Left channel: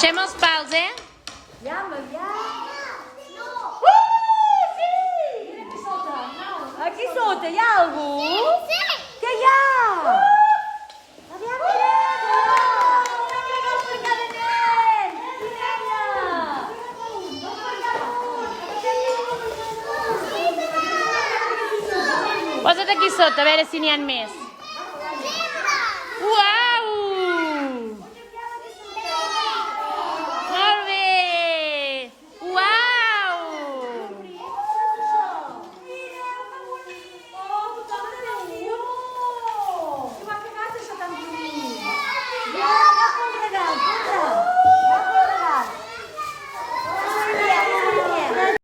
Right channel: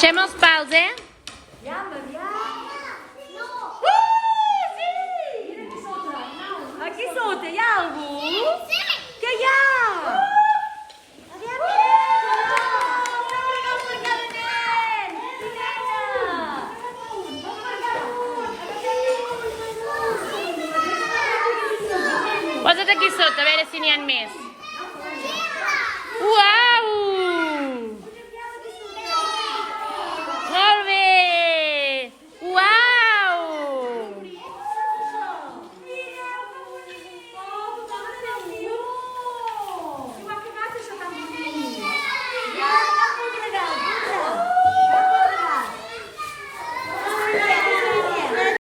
Deixem els pals, eh? Ja, Maria. Sí! Aquí sota hi ha algú? Què hi ha? Posa't aquí sota, a veure si n'hi ha més.